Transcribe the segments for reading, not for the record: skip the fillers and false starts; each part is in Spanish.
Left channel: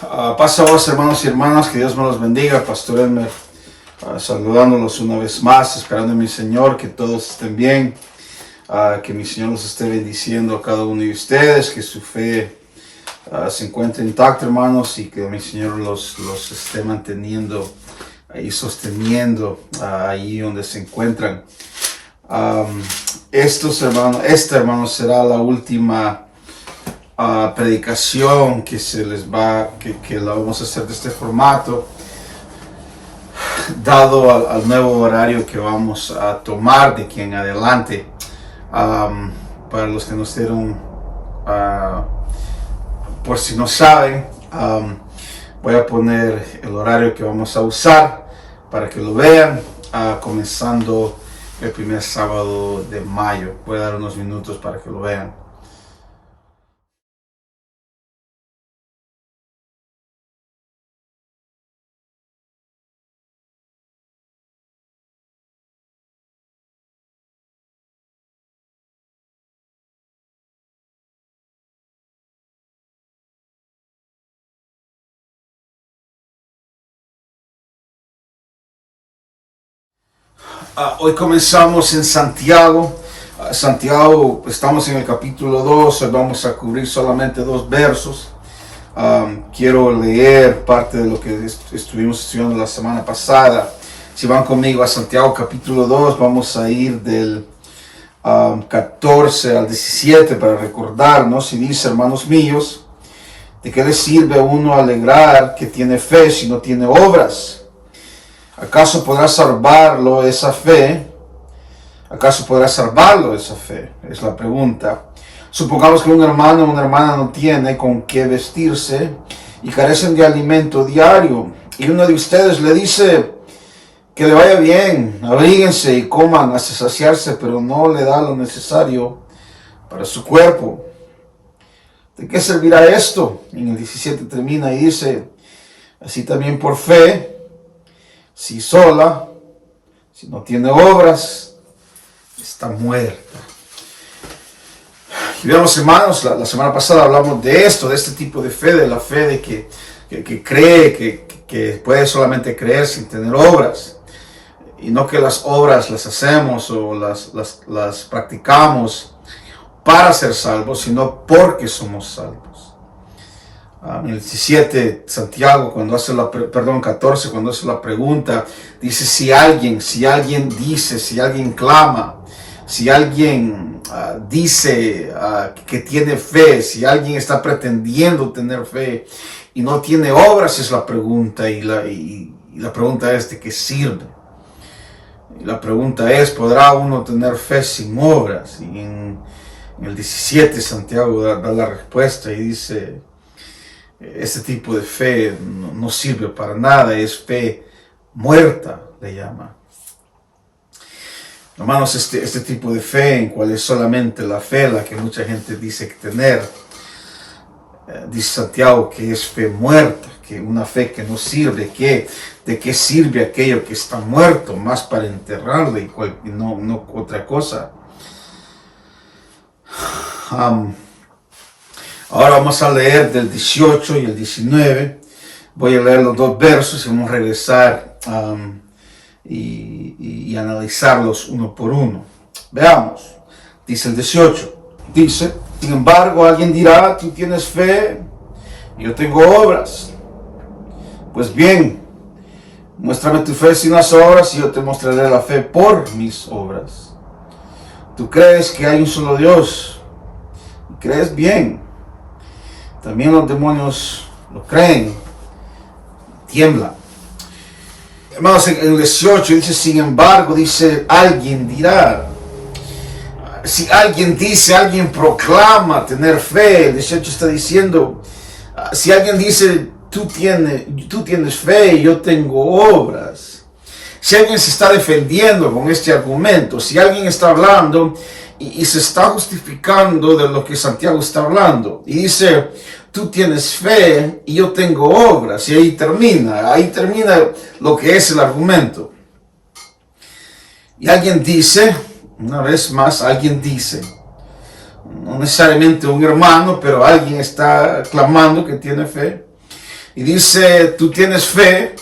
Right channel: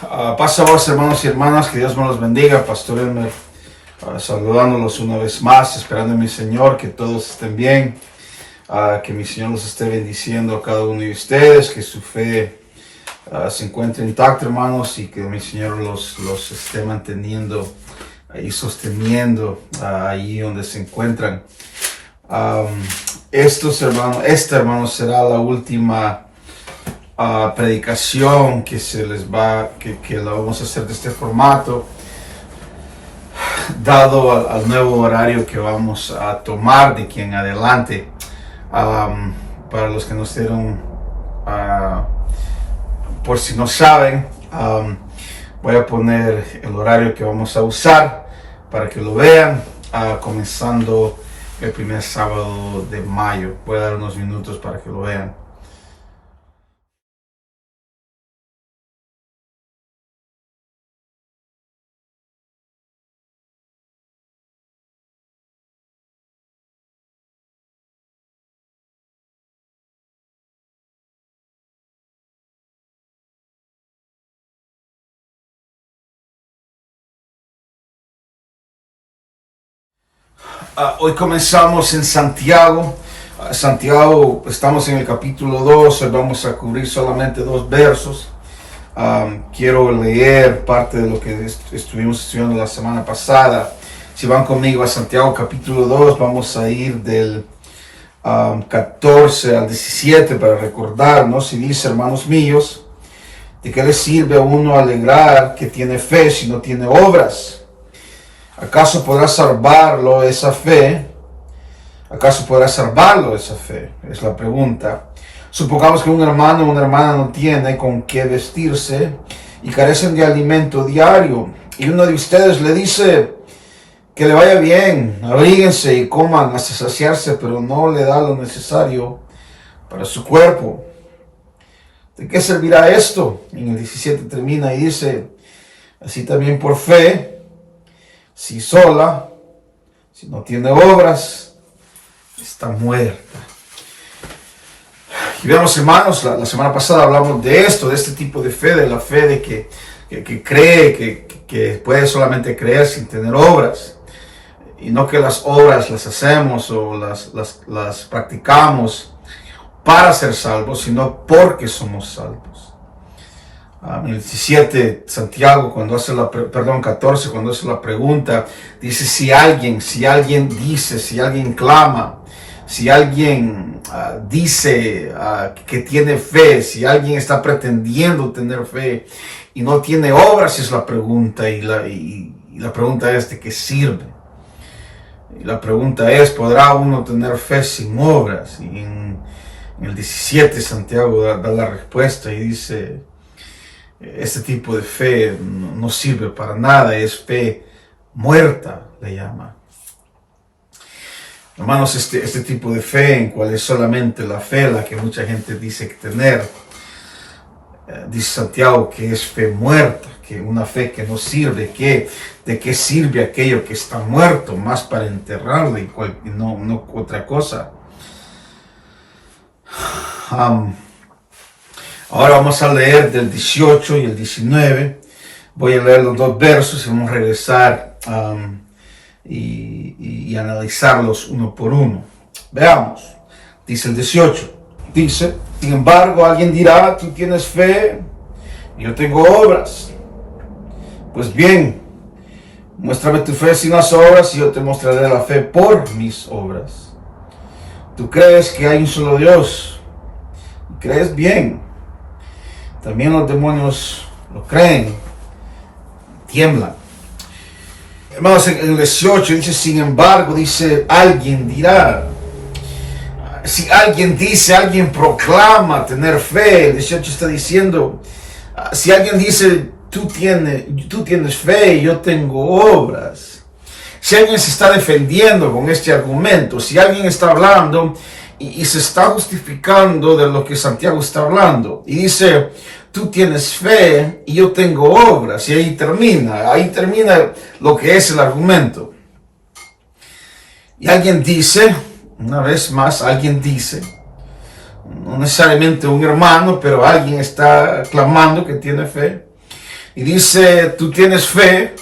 Pasados hermanos y hermanas, que Dios me los bendiga. Pastor Elmer, saludándolos una vez más, esperando en mi Señor que todos estén bien, que mi Señor los esté bendiciendo a cada uno de ustedes, que su fe se encuentre intacta, hermanos, y que mi Señor los esté manteniendo y sosteniendo ahí donde se encuentran. Esta, hermanos, será la última predicación que que la vamos a hacer de este formato, dado al nuevo horario que vamos a tomar de aquí en adelante. Para los que no estén, por si no saben, voy a poner el horario que vamos a usar para que lo vean, comenzando el primer sábado de mayo. Voy a dar unos minutos para que lo vean. Hoy comenzamos en Santiago. Santiago, estamos en el capítulo 2, hoy vamos a cubrir solamente 2 versos. Quiero leer parte de lo que estuvimos estudiando la semana pasada. Si van conmigo a Santiago capítulo 2, vamos a ir del 14 al 17 para recordarnos. Y dice: hermanos míos, ¿de qué le sirve a uno alegrar que tiene fe si no tiene obras? ¿Acaso podrá salvarlo esa fe? ¿Acaso podrá salvarlo esa fe? Es la pregunta. Supongamos que un hermano o una hermana no tiene con qué vestirse y carecen de alimento diario. Y uno de ustedes le dice que le vaya bien, abríguense y coman hasta saciarse, pero no le da lo necesario para su cuerpo. ¿De qué servirá esto? En el 17 termina y dice: así también por fe, si sola, si no tiene obras, está muerta. Y veamos, hermanos, la semana pasada hablamos de esto, de este tipo de fe, de la fe de que cree, que puede solamente creer sin tener obras. Y no que las obras las hacemos o las practicamos para ser salvos, sino porque somos salvos. En el 17, Santiago, 14, cuando hace la pregunta, dice: si alguien dice, si alguien clama, si alguien dice que tiene fe, si alguien está pretendiendo tener fe y no tiene obras, es la pregunta, y la pregunta es: ¿de qué sirve? Y la pregunta es: ¿podrá uno tener fe sin obras? Y en el 17, Santiago da la respuesta y dice: este tipo de fe no sirve para nada, es fe muerta, le llama. Hermanos, este tipo de fe, en cual es solamente la fe la que mucha gente dice que tener, dice Santiago que es fe muerta, que una fe que no sirve. ¿De qué sirve aquello que está muerto? Más para enterrarlo y no otra cosa. Ahora vamos a leer del 18 y el 19. Voy a leer los 2 versos y vamos a regresar y analizarlos uno por uno. Veamos. Dice el 18. Dice: sin embargo, alguien dirá: tú tienes fe y yo tengo obras. Pues bien, muéstrame tu fe sin las obras y yo te mostraré la fe por mis obras. Tú crees que hay un solo Dios y crees bien. También los demonios lo creen, tiemblan. Hermanos, en el 18 dice: sin embargo, dice, alguien dirá. Si alguien dice, alguien proclama tener fe. El 18 está diciendo: si alguien dice, tú tienes fe y yo tengo obras. Si alguien se está defendiendo con este argumento, si alguien está hablando y se está justificando de lo que Santiago está hablando, y dice: tú tienes fe y yo tengo obras, y ahí termina lo que es el argumento. Y alguien dice, una vez más, alguien dice, no necesariamente un hermano, pero alguien está clamando que tiene fe. y dice, tú tienes fe,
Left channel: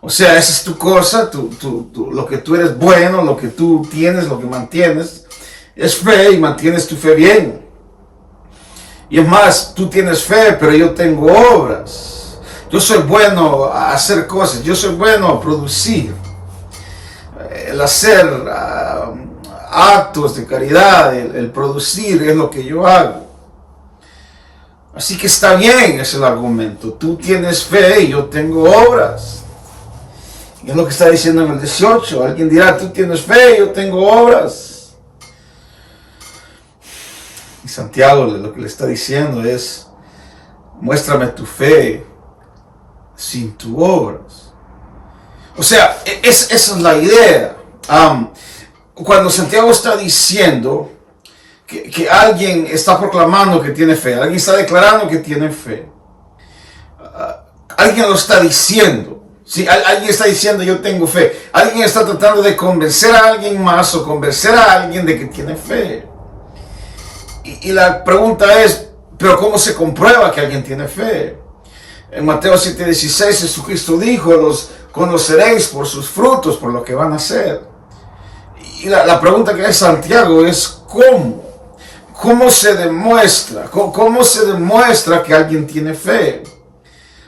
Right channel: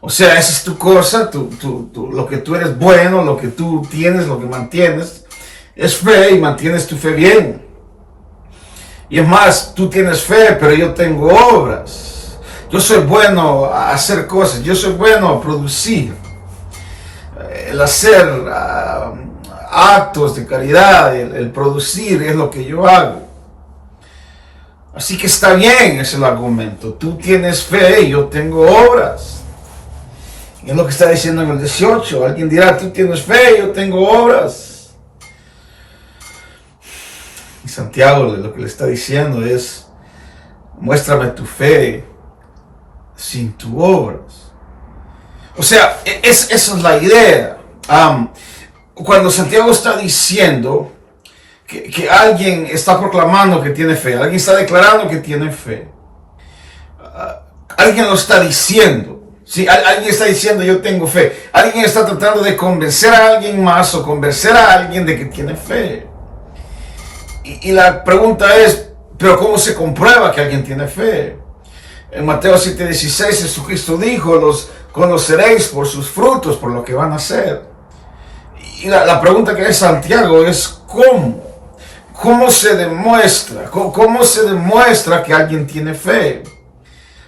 o sea, esa es tu cosa, lo que tú eres bueno, lo que tú tienes, lo que mantienes, es fe y mantienes tu fe bien. Y es más, tú tienes fe, pero yo tengo obras. Yo soy bueno a hacer cosas, yo soy bueno a producir. El hacer actos de caridad, el producir es lo que yo hago. Así que está bien, es el argumento. Tú tienes fe y yo tengo obras. Y es lo que está diciendo en el 18. Alguien dirá, tú tienes fe y yo tengo obras. Y Santiago lo que le está diciendo es, muéstrame tu fe sin tus obras. O sea, esa es la idea. Cuando Santiago está diciendo que alguien está proclamando que tiene fe, alguien está declarando que tiene fe, alguien lo está diciendo. Sí, alguien está diciendo yo tengo fe. Alguien está tratando de convencer a alguien más o convencer a alguien de que tiene fe. Y la pregunta es, ¿pero cómo se comprueba que alguien tiene fe? En Mateo 7:16 Jesucristo dijo, los conoceréis por sus frutos, por lo que van a hacer. Y la pregunta que hace Santiago es, ¿cómo? ¿Cómo se demuestra? ¿Cómo se demuestra que alguien tiene fe?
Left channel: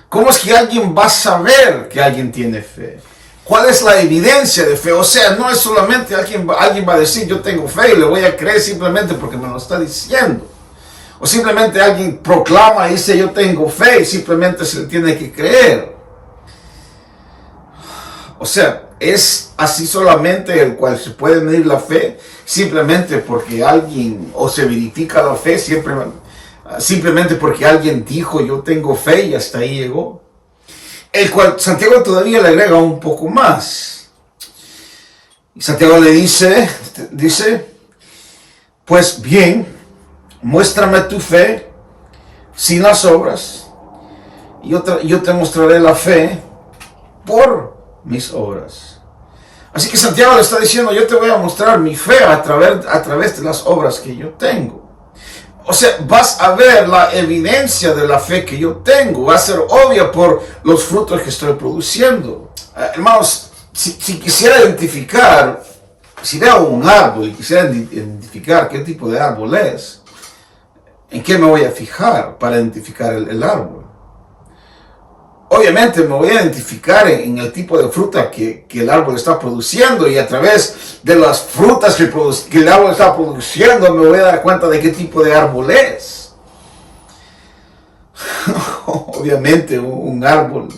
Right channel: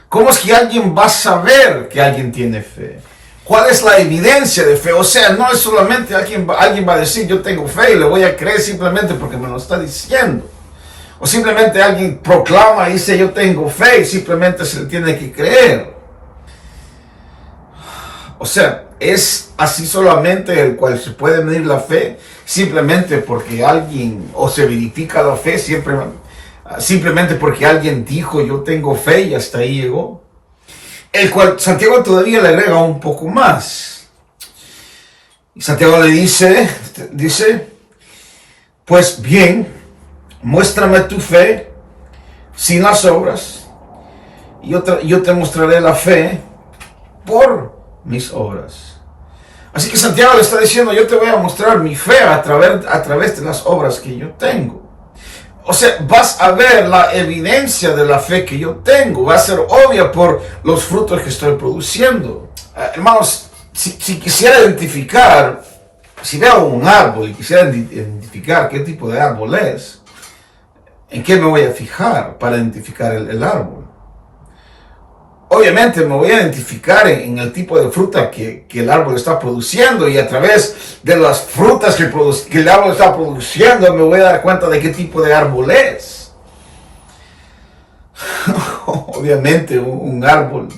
¿Cómo es que alguien va a saber que alguien tiene fe? ¿Cuál es la evidencia de fe? O sea, no es solamente alguien va a decir yo tengo fe y le voy a creer simplemente porque me lo está diciendo. O simplemente alguien proclama y dice yo tengo fe y simplemente se le tiene que creer. O sea, es así solamente el cual se puede medir la fe, simplemente porque alguien, o se verifica la fe, simplemente porque alguien dijo yo tengo fe y hasta ahí llegó. El cual Santiago todavía le agrega un poco más. Y Santiago le dice, pues bien, muéstrame tu fe sin las obras, y yo te mostraré la fe por mis obras. Así que Santiago le está diciendo, yo te voy a mostrar mi fe a través de las obras que yo tengo. O sea, vas a ver la evidencia de la fe que yo tengo. Va a ser obvia por los frutos que estoy produciendo. Hermanos, si quisiera identificar, si veo un árbol y quisiera identificar qué tipo de árbol es, ¿en qué me voy a fijar para identificar el árbol? Obviamente me voy a identificar en el tipo de fruta que el árbol está produciendo, y a través de las frutas que el árbol está produciendo me voy a dar cuenta de qué tipo de árbol es. Obviamente un árbol,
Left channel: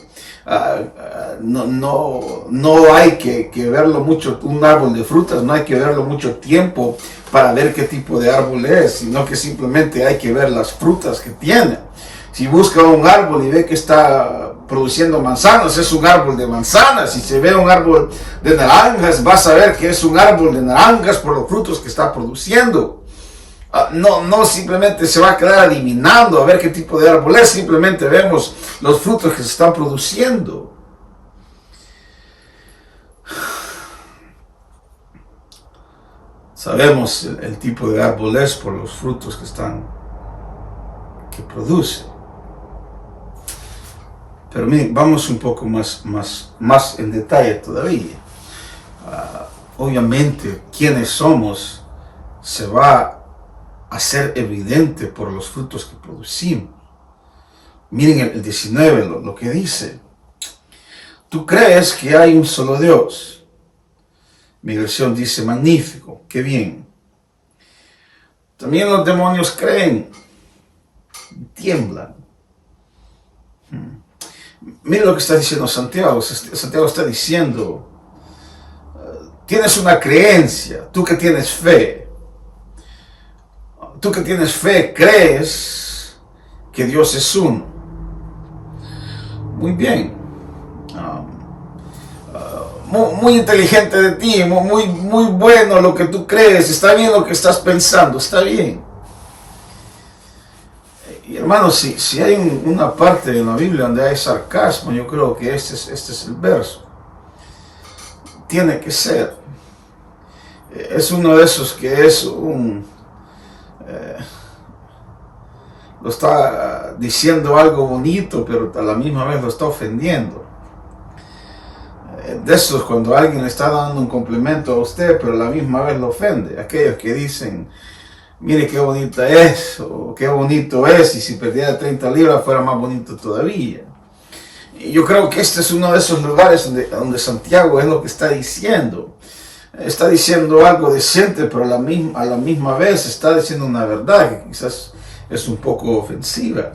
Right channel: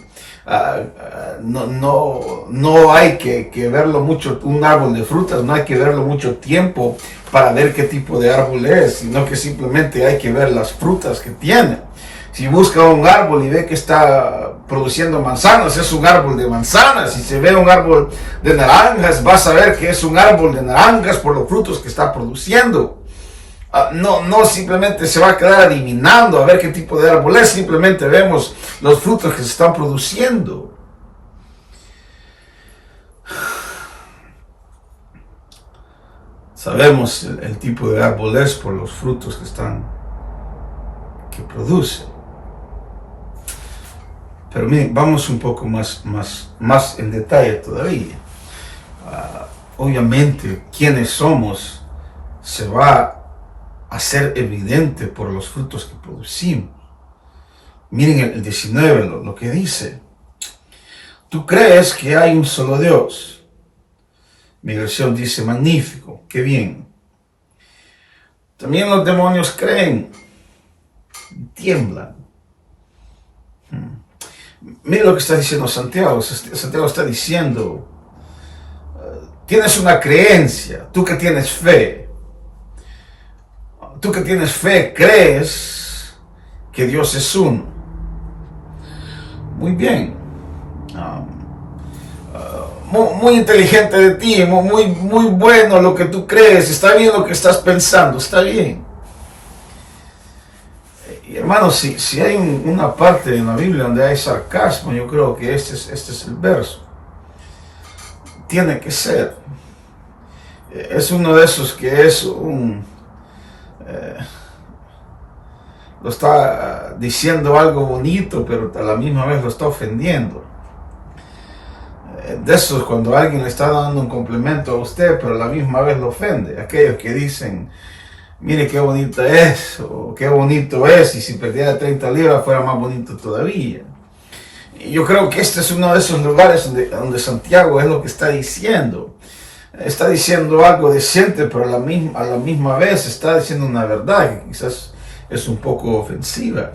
no hay que verlo mucho, un árbol de frutas no hay que verlo mucho tiempo para ver qué tipo de árbol es, sino que simplemente hay que ver las frutas que tiene. Si busca un árbol y ve que está produciendo manzanas, es un árbol de manzanas. Si se ve un árbol de naranjas, vas a ver que es un árbol de naranjas por los frutos que está produciendo. No simplemente se va a quedar adivinando a ver qué tipo de árbol es, simplemente vemos los frutos que se están produciendo. Sabemos el tipo de árbol es por los frutos que produce. Pero miren, vamos un poco más en detalle todavía. Obviamente, quiénes somos se va a hacer evidente por los frutos que producimos. Miren el 19, lo que dice. Tú crees que hay un solo Dios. Mi versión dice magnífico, qué bien. También los demonios creen, tiemblan. Mire lo que está diciendo Santiago. Santiago está diciendo, tienes una creencia, tú que tienes fe. Tú que tienes fe, crees que Dios es uno. Muy bien. Muy inteligente de ti, muy bueno lo que tú crees, está bien lo que estás pensando, está bien. Y hermanos, si hay una parte en la Biblia donde hay sarcasmo, yo creo que este es el verso. Tiene que ser. Es uno de esos que es lo está diciendo algo bonito, pero a la misma vez lo está ofendiendo. De eso es cuando alguien le está dando un complemento a usted, pero a la misma vez lo ofende. Aquellos que dicen, mire qué bonita es, o qué bonito es, y si perdiera 30 libras fuera más bonito todavía. Y yo creo que este es uno de esos lugares donde Santiago es lo que está diciendo. Está diciendo algo decente, pero a la misma vez está diciendo una verdad que quizás es un poco ofensiva.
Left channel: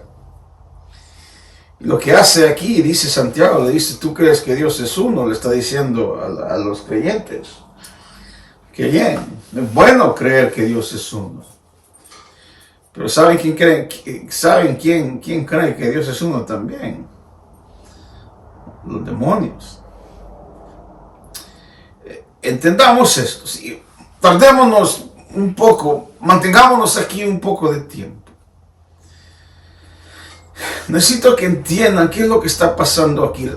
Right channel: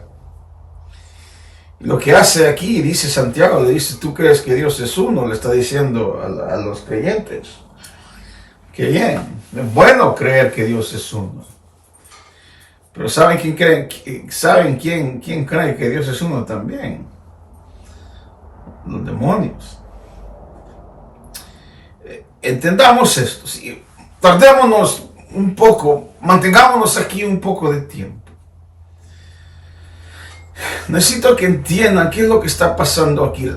Y lo que hace aquí, dice Santiago, le dice, ¿tú crees que Dios es uno? Le está diciendo a los creyentes. Que bien, es bueno creer que Dios es uno. Pero ¿saben quién cree que Dios es uno también? Los demonios. Entendamos esto. ¿Sí? Tardémonos un poco, mantengámonos aquí un poco de tiempo. Necesito que entiendan qué es lo que está pasando aquí.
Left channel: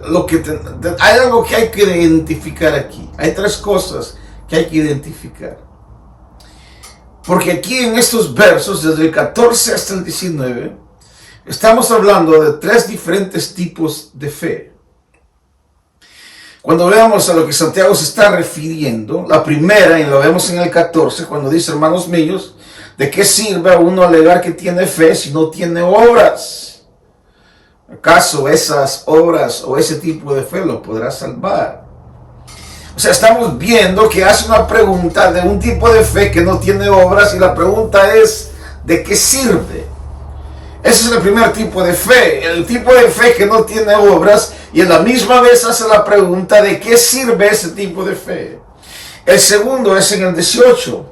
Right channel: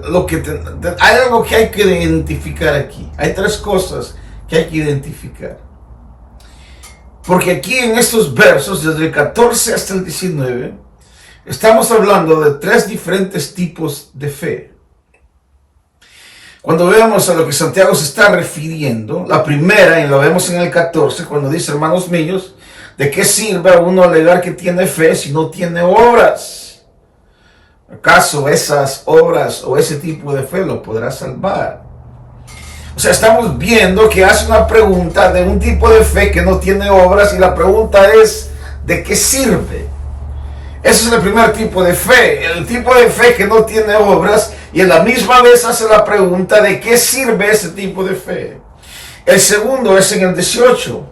Hay algo que hay que identificar aquí. Hay tres cosas que hay que identificar. Porque aquí en estos versos, desde el 14 hasta el 19, estamos hablando de tres diferentes tipos de fe. Cuando veamos a lo que Santiago se está refiriendo, la primera, y lo vemos en el 14, cuando dice, hermanos míos, ¿de qué sirve a uno alegar que tiene fe si no tiene obras? ¿Acaso esas obras o ese tipo de fe lo podrá salvar? O sea, estamos viendo que hace una pregunta de un tipo de fe que no tiene obras, y la pregunta es, ¿de qué sirve? Ese es el primer tipo de fe, el tipo de fe que no tiene obras, y en la misma vez hace la pregunta de qué sirve ese tipo de fe. El segundo es en el 18,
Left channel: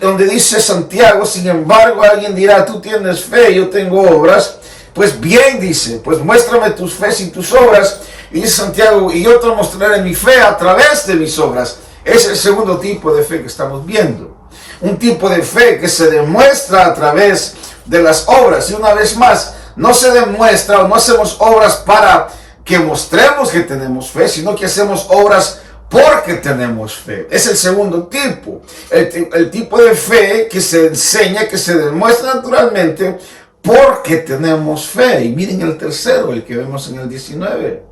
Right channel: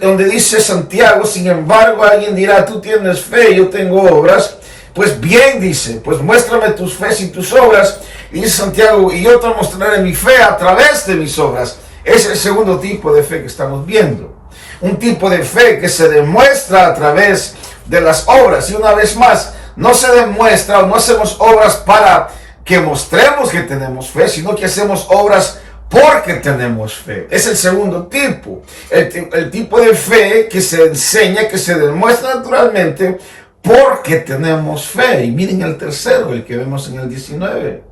donde dice Santiago, sin embargo alguien dirá, tú tienes fe, yo tengo obras. Pues bien, dice, pues muéstrame tus fe y tus obras. Y dice Santiago, y yo te mostraré mi fe a través de mis obras. Es el segundo tipo de fe que estamos viendo. Un tipo de fe que se demuestra a través de las obras. Y una vez más, no se demuestra o no hacemos obras para que mostremos que tenemos fe, sino que hacemos obras porque tenemos fe. Es el segundo tipo. El tipo de fe que se enseña, que se demuestra naturalmente porque tenemos fe. Y miren el tercero, el que vemos en el 19.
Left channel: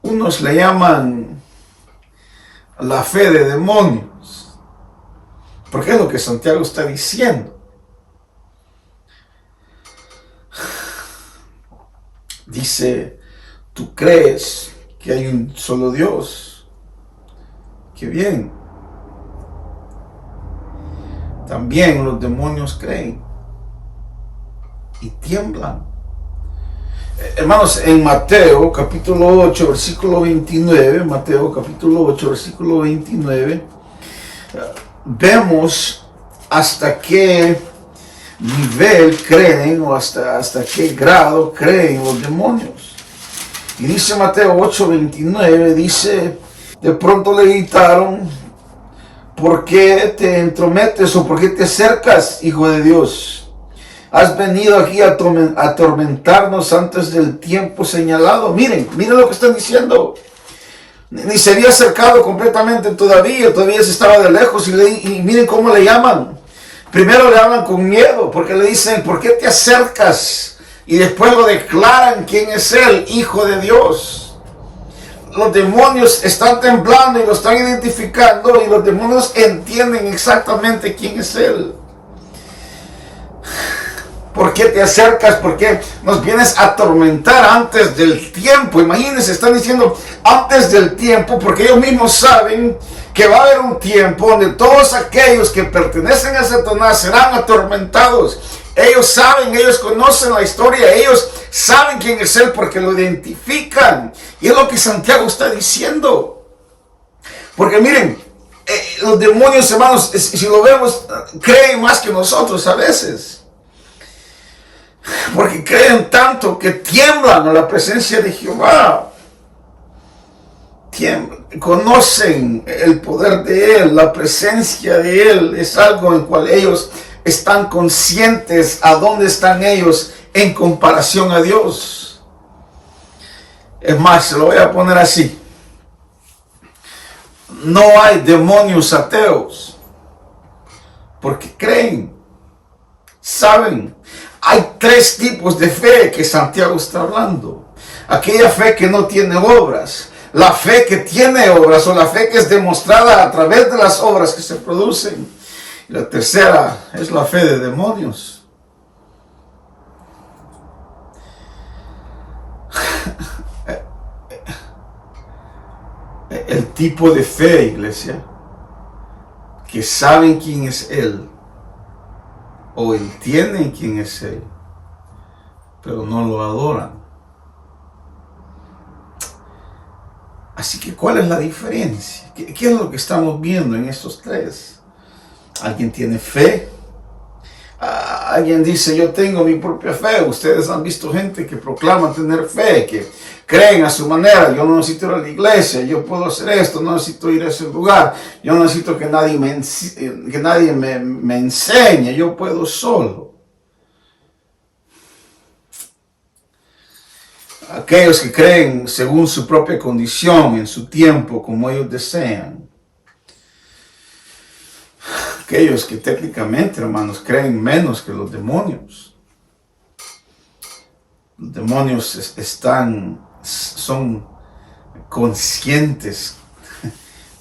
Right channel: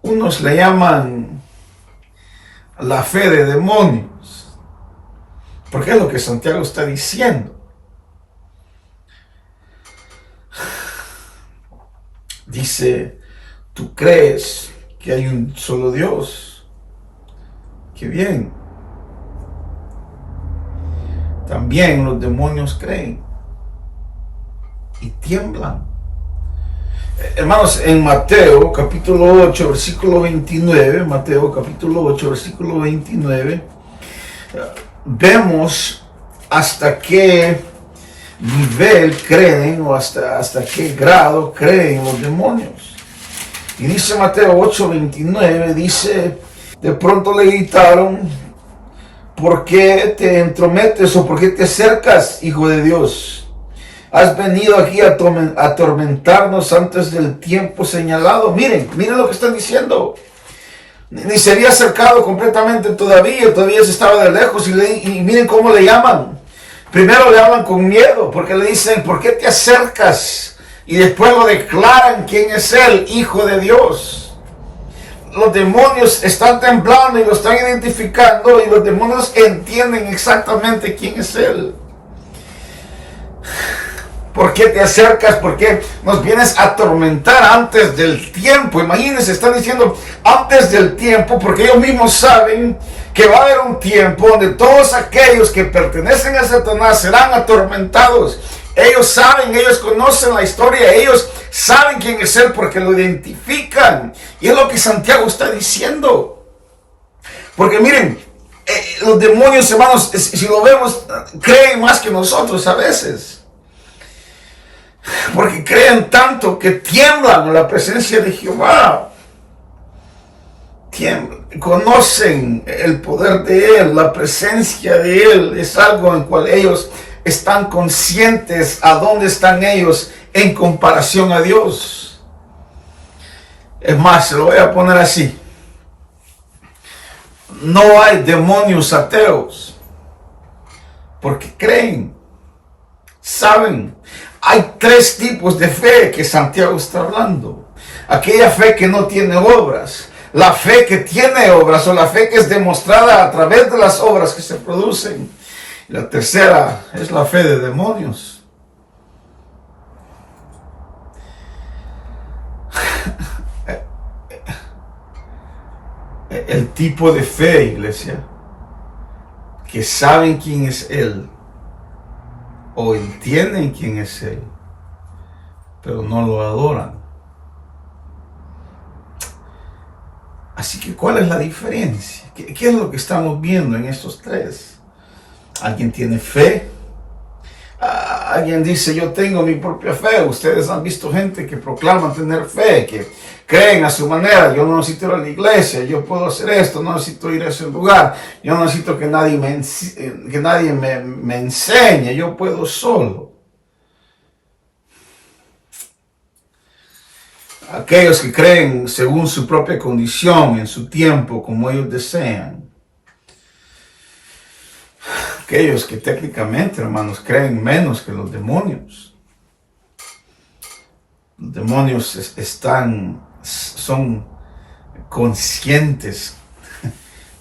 Unos le llaman la fe de demonios, porque es lo que Santiago está diciendo. Dice, ¿tú crees que hay un solo Dios? ¡Qué bien! También los demonios creen y tiemblan. Hermanos, en Mateo capítulo 8, versículo 29, Mateo capítulo 8, versículo 29, vemos hasta qué nivel creen o hasta qué grado creen los demonios. Y dice Mateo 8, 29, dice, de pronto le gritaron, ¿por qué te entrometes o por qué te acercas, Hijo de Dios? Has venido aquí a atormentarnos antes del tiempo señalado. Miren lo que están diciendo. Ni se había acercado completamente todavía se estaba de lejos. Y miren cómo le llaman. Primero le hablan con miedo, porque le dicen, ¿por qué te acercas? Y después lo declaran quién es él, Hijo de Dios. Los demonios están temblando y lo están identificando, y los demonios entienden exactamente quién es él. ¿Por qué te acercas? ¿Por qué nos vienes a atormentar antes del tiempo? Imagínense, están diciendo antes del tiempo, porque ellos mismos saben que va a haber un tiempo donde todos aquellos que pertenecen a Satanás serán atormentados. Ellos saben, ellos conocen la historia, ellos saben quién es él porque lo identifican. Y es lo que Santiago está diciendo. Porque miren, los demonios, hermanos, si lo vemos, creen más que nosotros a veces. Porque creen tanto que tiemblan en la presencia de Jehová. Conocen el poder de Él, la presencia de Él. Es algo en cual ellos están conscientes a dónde están ellos en comparación a Dios. Es más, se lo voy a poner así. No hay demonios ateos, porque creen. Saben, hay tres tipos de fe que Santiago está hablando. Aquella fe que no tiene obras, la fe que tiene obras o la fe que es demostrada a través de las obras que se producen. Y la tercera es la fe de demonios. El tipo de fe, iglesia, que saben quién es Él, o entienden quién es Él, pero no lo adoran. Así que, ¿cuál es la diferencia? ¿Qué es lo que estamos viendo en estos tres? Alguien tiene fe. Alguien dice, yo tengo mi propia fe. Ustedes han visto gente que proclama tener fe, que creen a su manera. Yo no necesito ir a la iglesia, yo puedo hacer esto, no necesito ir a ese lugar. Yo no necesito que nadie me enseñe, yo puedo solo. Aquellos que creen según su propia condición, en su tiempo, como ellos desean. Aquellos que técnicamente, hermanos, creen menos que los demonios. Los demonios son conscientes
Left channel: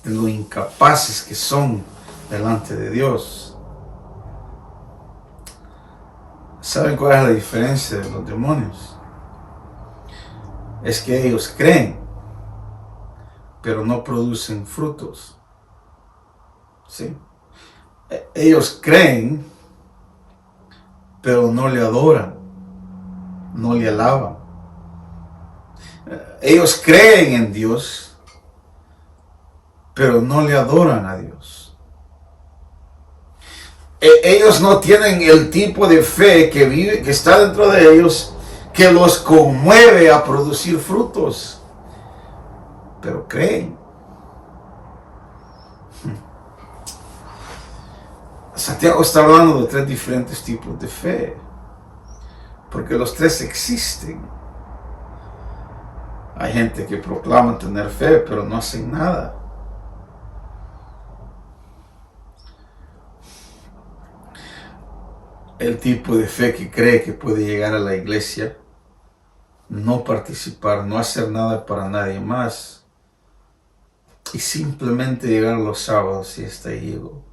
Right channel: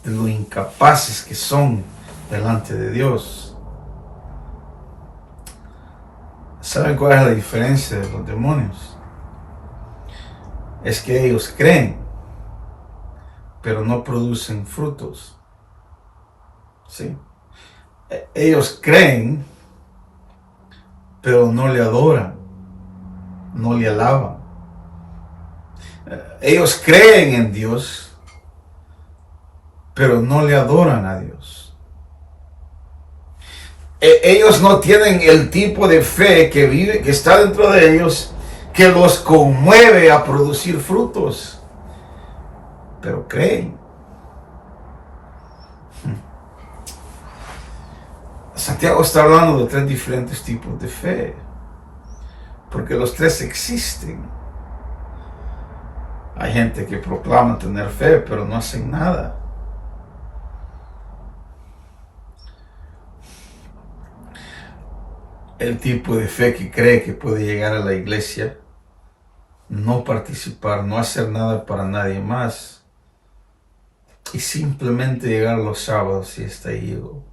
de lo incapaces que son delante de Dios. ¿Saben cuál es la diferencia de los demonios? Es que ellos creen, pero no producen frutos. ¿Sí? Ellos creen, pero no le adoran, no le alaban. Ellos creen en Dios, pero no le adoran a Dios. Ellos no tienen el tipo de fe que está dentro de ellos, que los conmueve a producir frutos, pero creen. Santiago está hablando de tres diferentes tipos de fe, porque los tres existen. Hay gente que proclama tener fe, pero no hacen nada. El tipo de fe que cree que puede llegar a la iglesia, no participar, no hacer nada para nadie más, y simplemente llegar los sábados y está llego.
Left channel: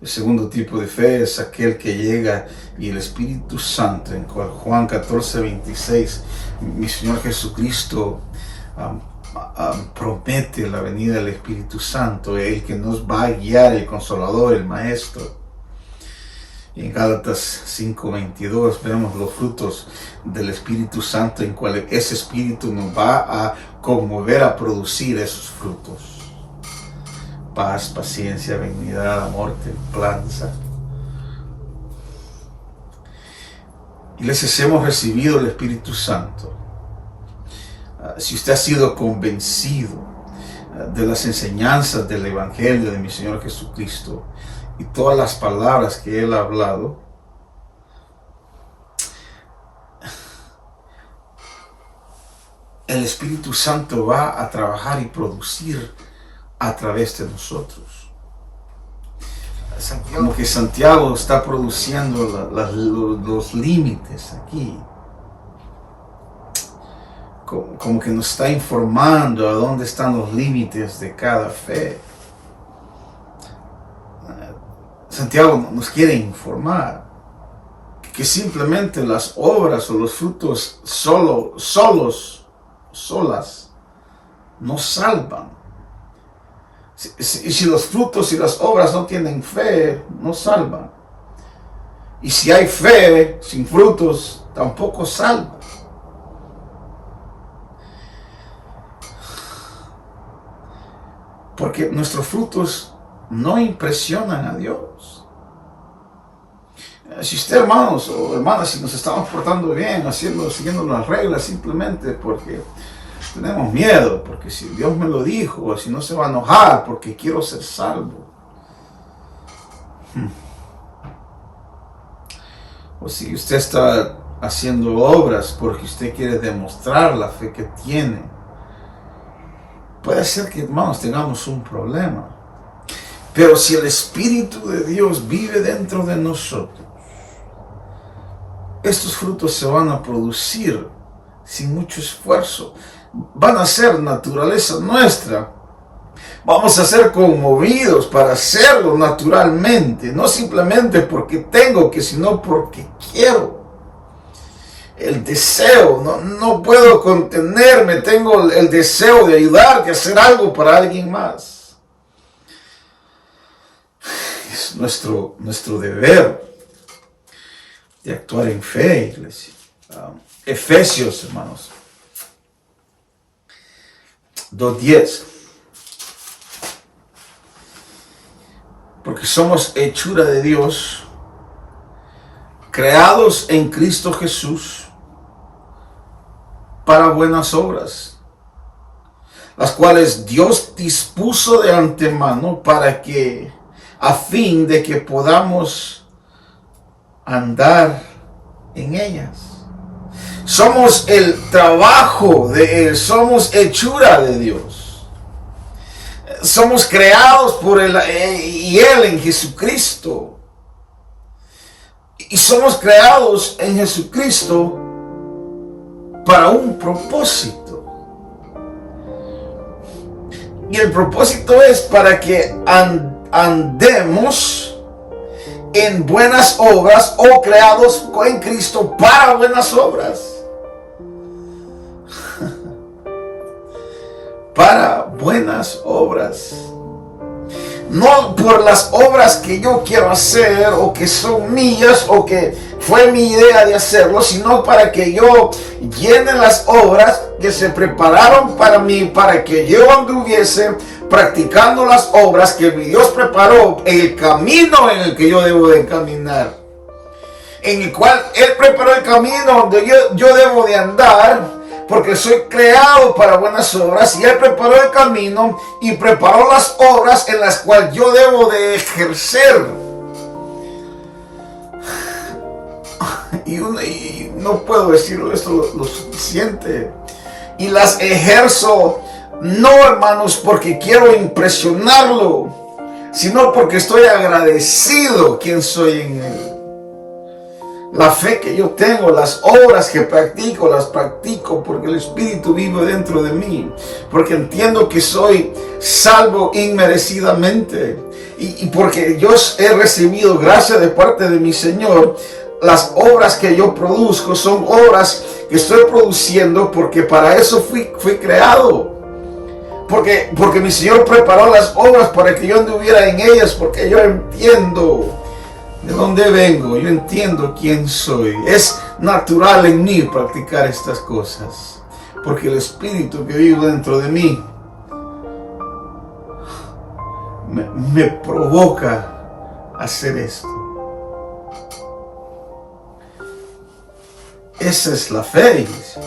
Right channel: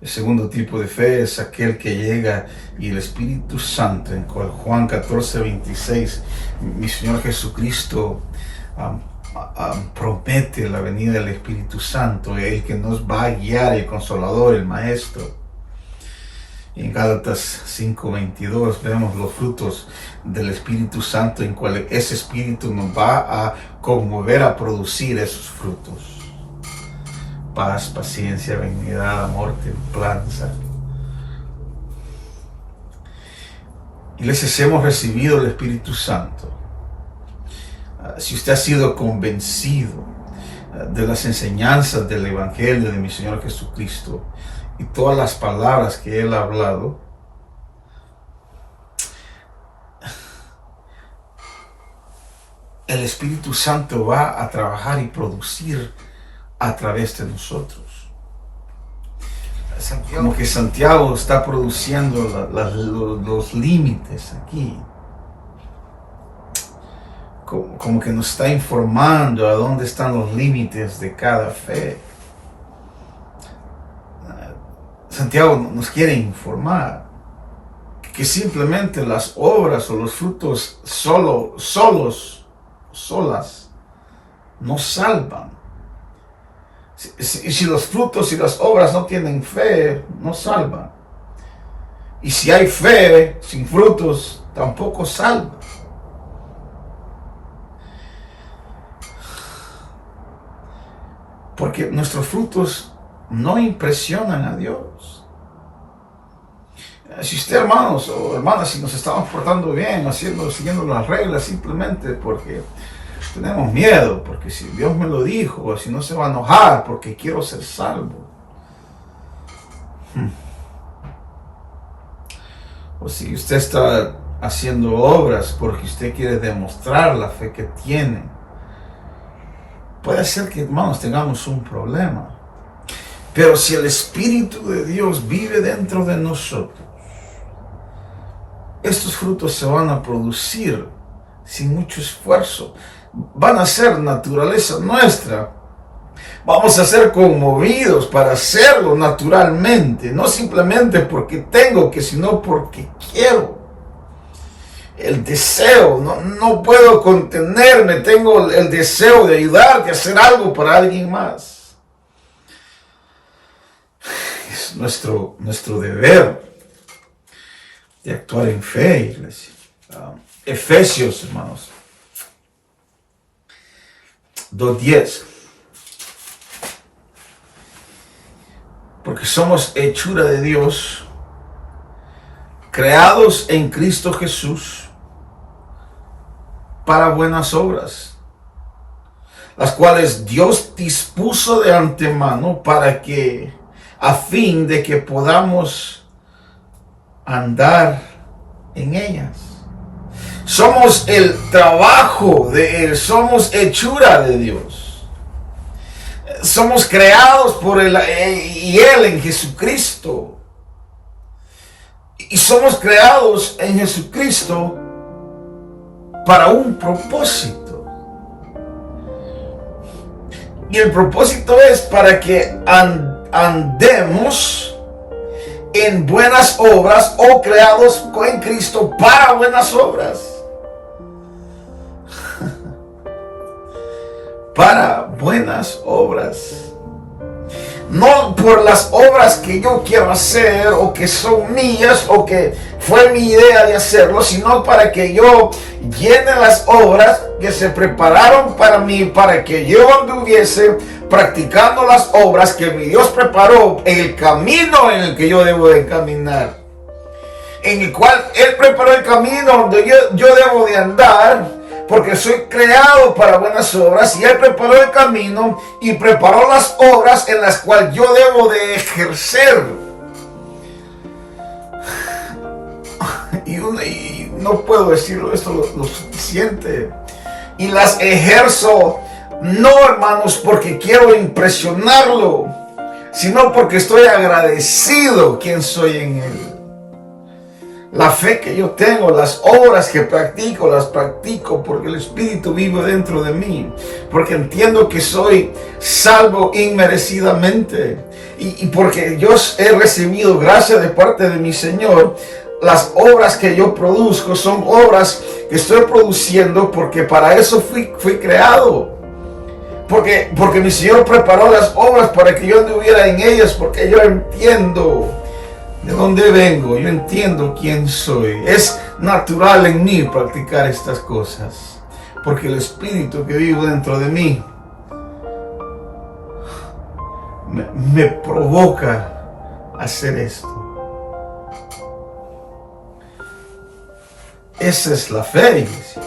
El segundo tipo de fe es aquel que llega y el Espíritu Santo, en Juan 14:26, mi Señor Jesucristo promete la venida del Espíritu Santo, el que nos va a guiar, el Consolador, el Maestro. Y en Gálatas 5:22 vemos los frutos del Espíritu Santo, en cual ese Espíritu nos va a conmover a producir esos frutos. Paz, paciencia, benignidad, amor, templanza. Iglesia, si hemos recibido el Espíritu Santo, si usted ha sido convencido de las enseñanzas del Evangelio de mi Señor Jesucristo y todas las palabras que Él ha hablado, el Espíritu Santo va a trabajar y producir a través de nosotros. Como que Santiago está produciendo los límites aquí. Como que nos está informando a dónde están los límites de cada fe. Santiago nos quiere informar que simplemente las obras o los frutos solas no salvan. Si los frutos y las obras no tienen fe, no salvan. Y si hay fe sin frutos, tampoco salva. Porque nuestros frutos no impresionan a Dios. Si usted, hermanos o hermanas, si nos estamos portando bien, siguiendo las reglas simplemente porque tenemos miedo, porque si Dios me lo dijo, o si no se va a enojar, porque quiero ser salvo. O si usted está haciendo obras porque usted quiere demostrar la fe que tiene, puede ser que, hermanos, tengamos un problema. Pero si el Espíritu de Dios vive dentro de nosotros, estos frutos se van a producir sin mucho esfuerzo. Van a ser naturaleza nuestra. Vamos a ser conmovidos para hacerlo naturalmente, no simplemente porque tengo que, sino porque quiero. El deseo, no puedo contenerme, tengo el deseo de ayudar, de hacer algo para alguien más. Es nuestro deber de actuar en fe, iglesia. Efesios, hermanos, 2:10. Porque somos hechura de Dios, creados en Cristo Jesús para buenas obras, las cuales Dios dispuso de antemano para que, a fin de que podamos andar en ellas. Somos el trabajo de Él, somos hechura de Dios. Somos creados por Él y Él en Jesucristo. Y somos creados en Jesucristo para un propósito. Y el propósito es para que andemos en buenas obras, o creados en Cristo para buenas obras. Para buenas obras. No por las obras que yo quiero hacer o que son mías o que fue mi idea de hacerlo, sino para que yo llene las obras que se prepararon para mí, para que yo anduviese practicando las obras que mi Dios preparó en el camino en el que yo debo de caminar, en el cual Él preparó el camino donde yo debo de andar, porque soy creado para buenas obras, y Él preparó el camino y preparó las obras en las cuales yo debo de ejercer. Y no puedo decirlo esto lo suficiente. Y las ejerzo, no, hermanos, porque quiero impresionarlo, sino porque estoy agradecido quien soy en Él. La fe que yo tengo, las obras que practico, las practico porque el Espíritu vive dentro de mí, porque entiendo que soy salvo inmerecidamente, y porque yo he recibido gracia de parte de mi Señor. Las obras que yo produzco son obras que estoy produciendo porque para eso fui creado. Porque mi Señor preparó las obras para que yo anduviera en ellas, porque yo entiendo de dónde vengo, yo entiendo quién soy. Es natural en mí practicar estas cosas, porque el Espíritu que vive dentro de mí me provoca hacer esto. Esa es la fe, iglesia.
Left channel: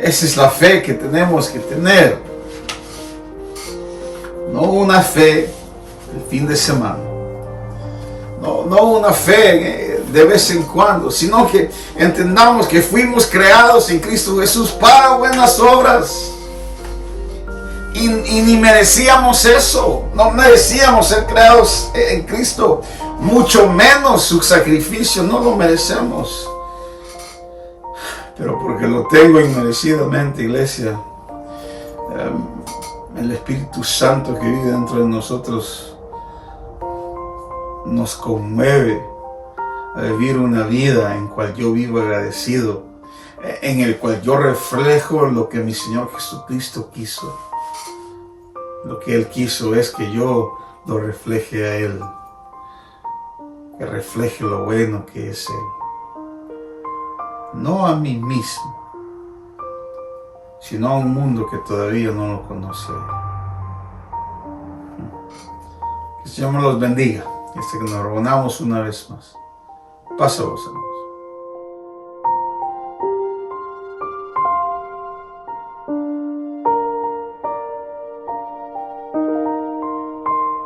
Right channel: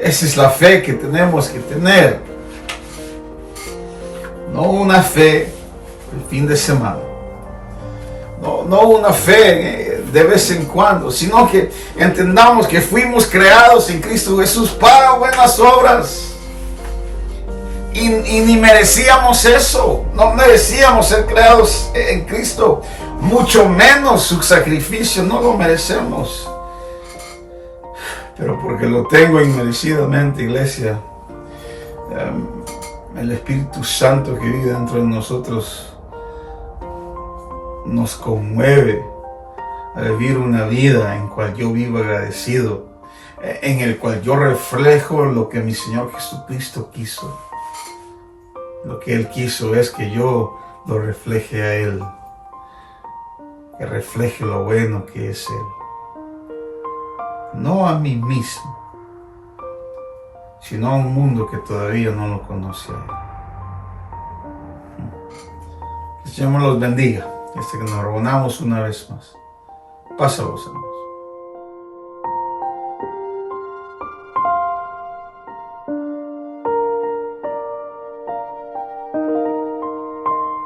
Esa es la fe que tenemos que tener. No una fe el fin de semana. No una fe de vez en cuando, sino que entendamos que fuimos creados en Cristo Jesús para buenas obras. Y ni merecíamos eso. No merecíamos ser creados en Cristo. Mucho menos su sacrificio. No lo merecemos. Pero porque lo tengo inmerecidamente, iglesia, el Espíritu Santo que vive dentro de nosotros nos conmueve a vivir una vida en cual yo vivo agradecido, en el cual yo reflejo lo que mi Señor Jesucristo quiso. Lo que Él quiso es que yo lo refleje a Él, que refleje lo bueno que es Él. No a mí mismo, sino a un mundo que todavía no lo conoce. Que el Señor me los bendiga. Que nos reunamos una vez más. Pásalos, hermano.